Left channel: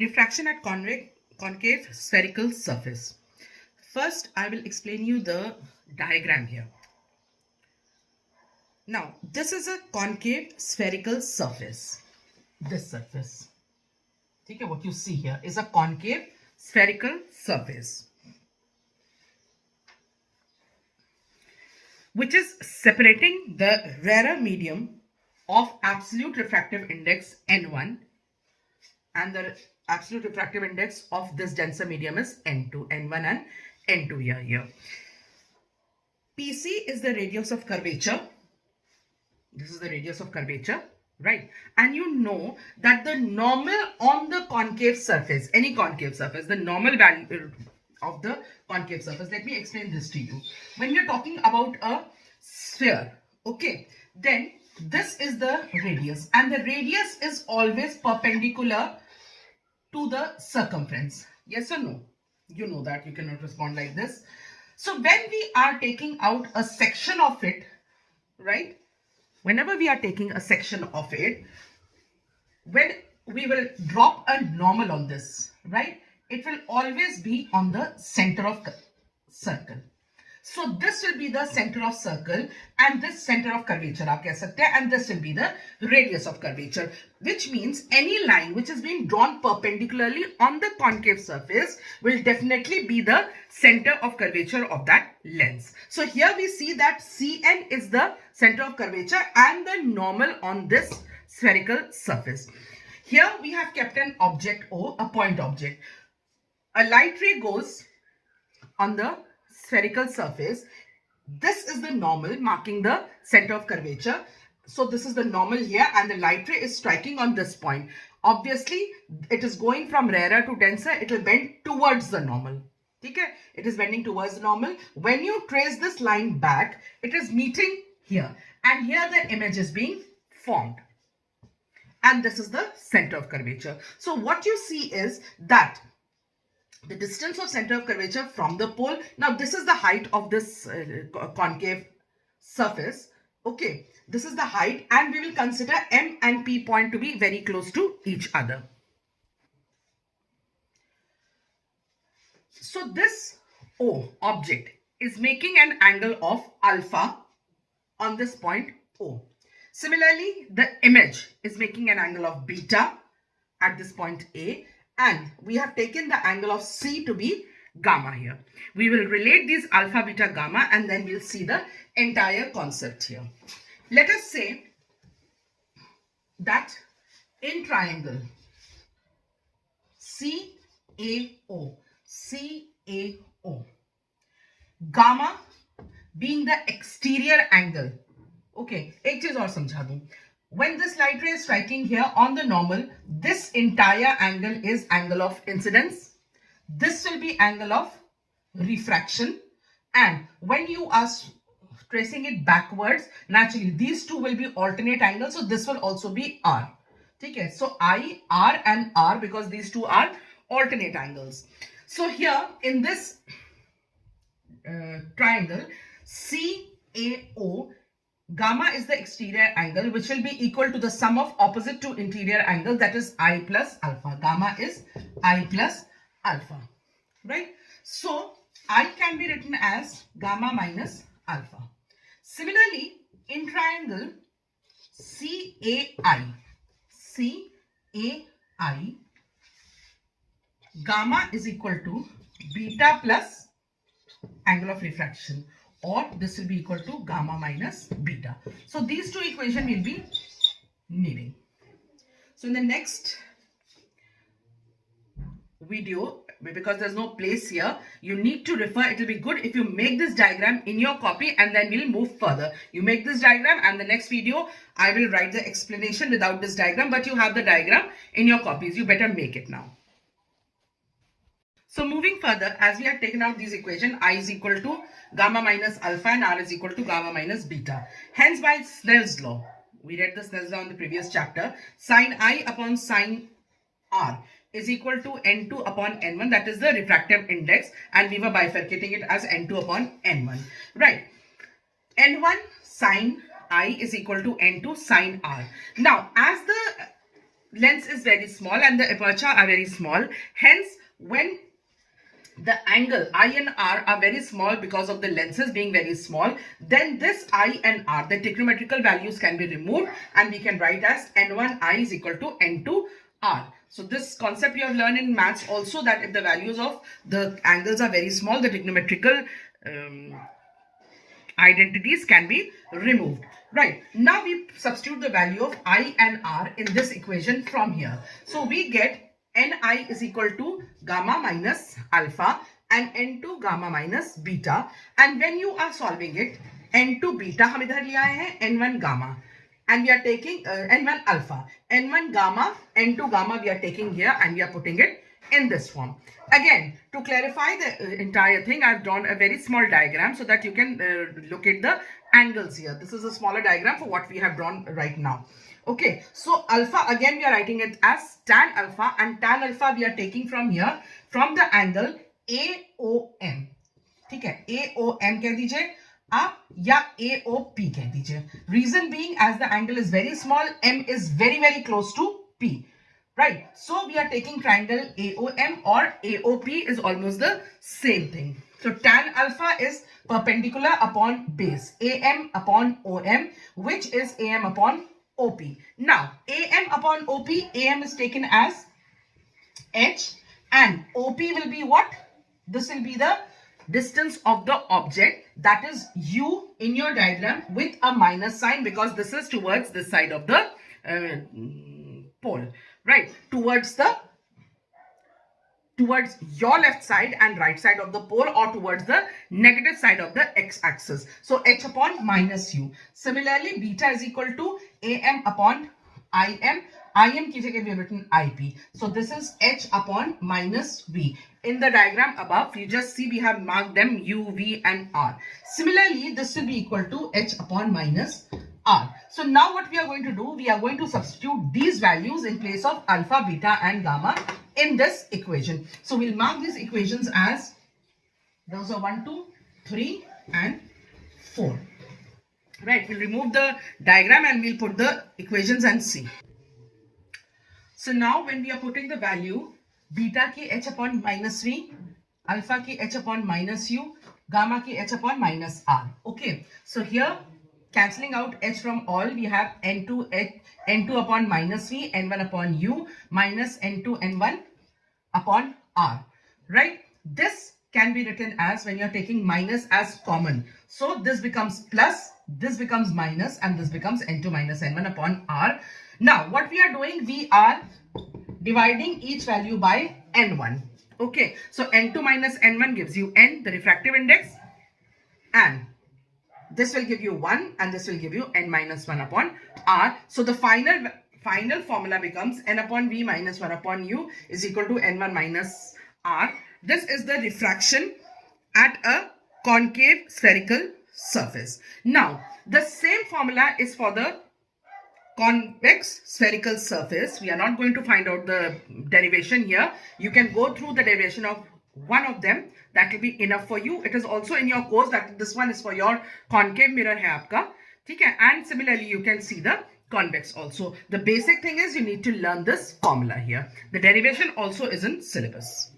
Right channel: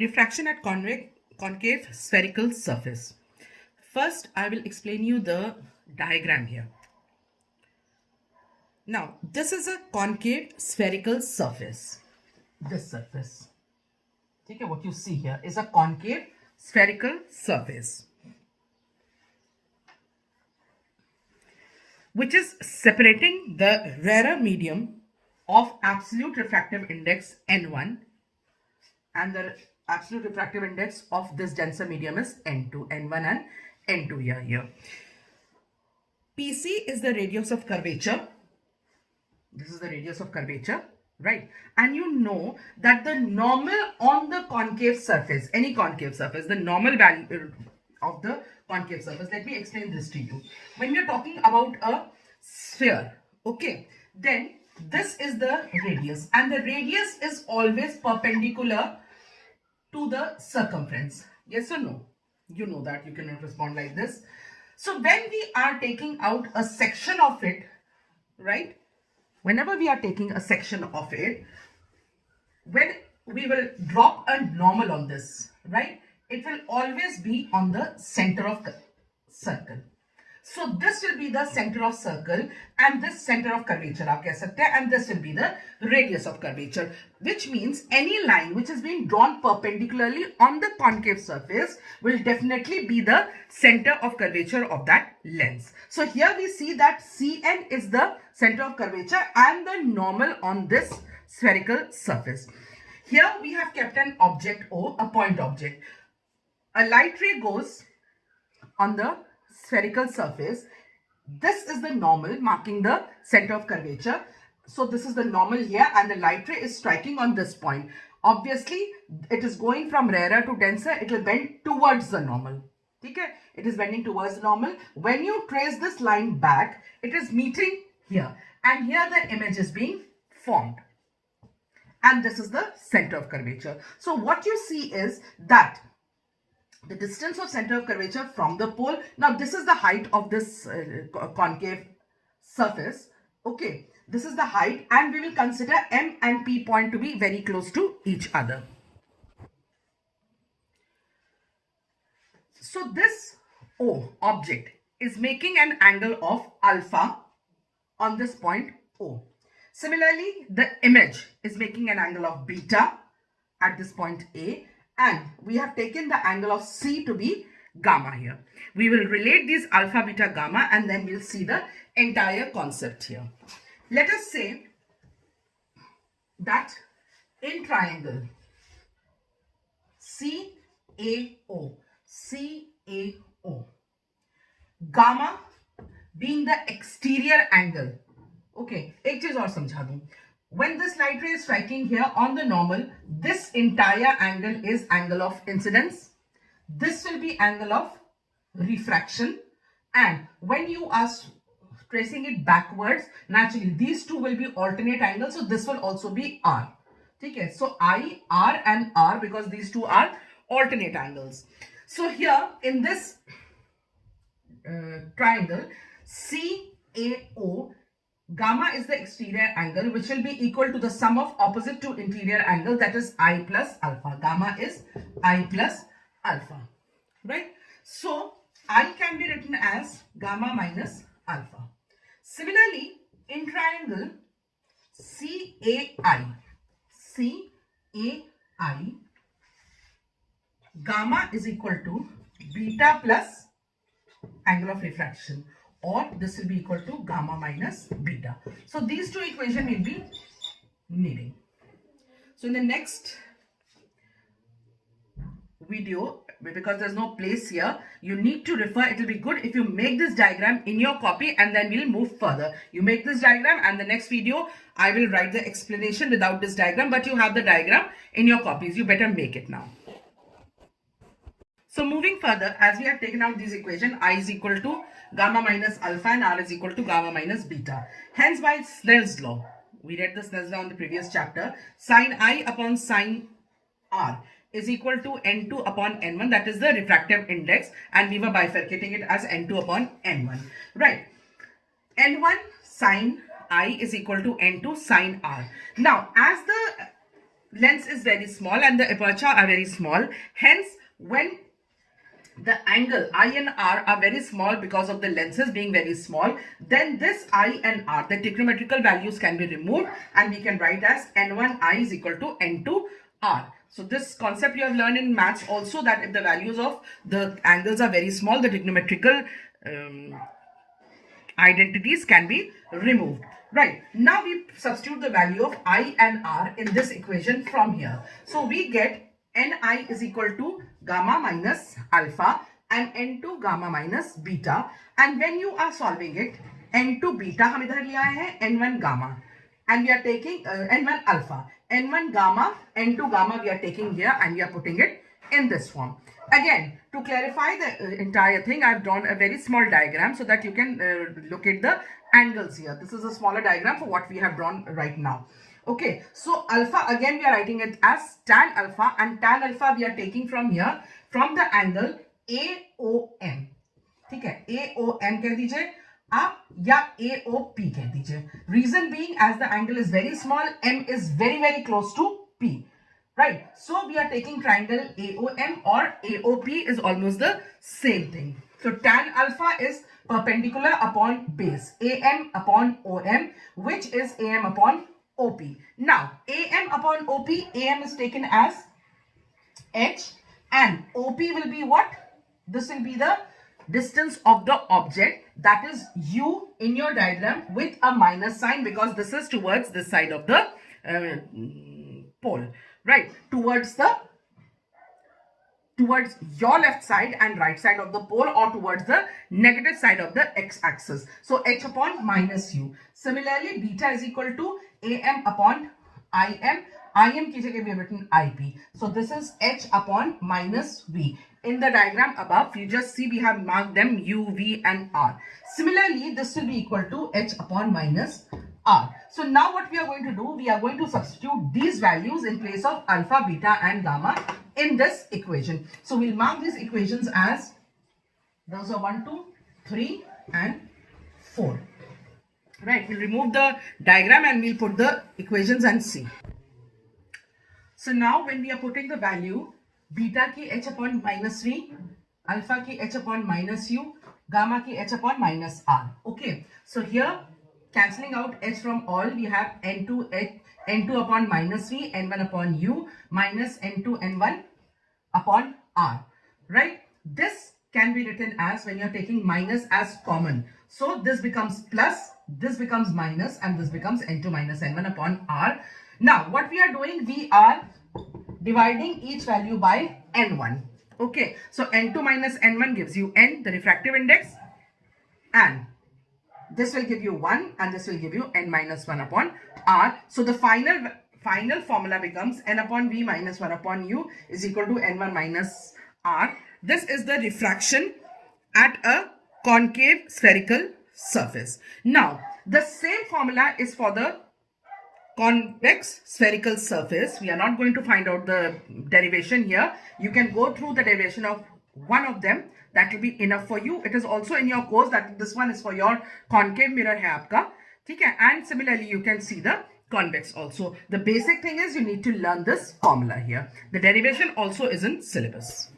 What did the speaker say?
Refraction at concave spherical surface. First, I will explain you the diagram here. Now, this is a concave spherical surface. This surface. Okay, what you see here is a concave spherical surface, which is separating the rarer medium of absolute refractive index N1, and the absolute refractive index of this denser medium is N2, N1 and N2 here. PC is the radius of curvature. This is the radius of curvature, right? And you know that the normal on the concave surface, any concave surface, the normal value of the concave surface. Let me explain this to you. When we are talking about a sphere, okay, then this is the radius, and the radius is always perpendicular to the circumference. Yes or no? You know that. You cannot respond like this. So when we are taking out a section of it, right? Whenever we are taking a section of it, when we will drop a normal on this, right? It will always be on the center of the circle. So this will be the center of circle and this center of curvature, aap keh sakte hain, and this will be the radius of curvature, which means any line which is being drawn perpendicularly on the concave surface will definitely be the center of curvature of that lens. So here we see that CN is the center of curvature and the normal on this spherical surface. Here we have kept an object O, a point object. A light ray goes on the spherical surface. This is the normal marking the center of curvature. So this is the normal here, and the light ray is striking on this point. Obviously, it is going from rarer to denser. It will bend towards the normal. Okay? It is bending towards the normal. When you trace this line back, it is meeting here. And here the image is being formed. And this is the center of curvature. So what you see is that the distance of center of curvature from the pole. Now this is the height of this concave surface. Okay, this is the height, and we will consider M and P point to be very close to each other. So this O object is making an angle of alpha on this point O. Similarly, the image is making an angle of beta at this point A. And we have taken the angle of C to be gamma here. We will relate these alpha, beta, gamma, and then we'll see the entire concept here. Let us say that in triangle CAO, gamma being the exterior angle. Okay, एक चीज और समझा दूं. When this light ray is striking here on the normal, this entire angle is angle of incidence. This will be angle of refraction. And when you are tracing it backwards, naturally these two will be alternate angles. So this will also be R. Okay, so I, R and R, because these two are alternate angles. So here in this triangle CAO, gamma is the exterior angle, which will be equal to the sum of opposite to interior angles, that is I plus alpha. Gamma is I plus alpha, right? So I can be written as gamma minus alpha. Similarly, in triangle CAI, gamma is equal to beta plus angle of refraction, or this will be equal to gamma minus beta. So these two equations will be needing. So in the next video, because there's no place here, you need to refer. It will be good if you make this diagram in your copy, and then we'll move further. You make this diagram, and the next video I will write the explanation without this diagram, but you have the diagram in your copies. You better make it now. So moving further, as we have taken out this equation, I is equal to gamma minus alpha and R is equal to gamma minus beta. Hence, by Snell's law, we read the Snell's law in the previous chapter, sine I upon sine R is equal to N2 upon N1, that is the refractive index, and we were bifurcating it as N2 upon N1, right? N1 sine I is equal to N2 sine R. Now, as the lens is very small and the aperture are very small. Hence, when the angle I and R are very small because of the lenses being very small, then this I and R, the trigonometrical values can be removed and we can write as N1I is equal to N2R. So this concept you have learned in maths also, that if the values of the angles are very small, the trigonometrical identities can be removed. Right, now we substitute the value of I and R in this equation from here. So we get Ni is equal to gamma minus alpha and N2 gamma minus beta. And when you are solving it, N2 beta हम इधर लिया है, N1 gamma, and we are taking N1 alpha, N1 gamma, N2 gamma we are taking here and we are putting it in this form. Again, to clarify the entire thing, I have drawn a very small diagram so that you can locate the angles here. This is a smaller diagram for what we have drawn right now. Okay, so alpha, again we are writing it as tan alpha, and tan alpha we are taking from here, from the angle AOM. ठीक है, AOM कह दीजिए आप या AOP कह दीजिए. Reason being, as the angle is very small, M is very close to P. Right, so we are taking triangle AOM, or AOP is almost the same thing. So tan alpha is perpendicular upon base, AM upon OM, which is AM upon OP. Now, AM upon OP, AM is taken as H and OP will be what? This will be the distance of the object, that is U in your diagram with a minus sign, because this is towards this side of the pole. Right, towards your left side and right side of the pole, or towards the negative side of the x-axis. So H upon minus U. Similarly, beta is equal to AM upon IM. IM की जगह we have written IP. So this is H upon minus V. In the diagram above, you just see we have marked them U, V and R. Similarly, this will be equal to H upon minus R. So now what we are going to do, we are going to substitute these values in place of alpha, beta and gamma in this equation. So we'll mark these equations as, those are 1, 2, 3 and 4. Right, we'll remove the diagram and we'll put the equations and see. So now when we are putting the value, beta ki H upon minus V, alpha ki H upon minus U, gamma ki H upon minus R. Okay, so here, cancelling out H from all, we have N2 upon minus V, N1 upon U, minus N2, N1 upon R. Right? This can be written as, when you are taking minus as common. So this becomes plus, this becomes minus, and this becomes N2 minus N1 upon R. Now, what we are doing, we are dividing each value by N1. Okay, so N2 minus N1 gives you N, the refractive index, and this will give you 1 and this will give you N minus 1 upon R. So the final formula becomes N upon V minus 1 upon U is equal to N1 minus R. This is the refraction at a concave spherical surface. Now, the same formula is for the convex spherical surface. We are not going to find out the derivation here. You can go through the derivation of one of them. That will be enough for you. It is also in your course that this one is for your concave mirror hai aapka. Okay? And similarly, you can see the convex also. The basic thing is you need to learn this formula here. The derivation also is in syllabus.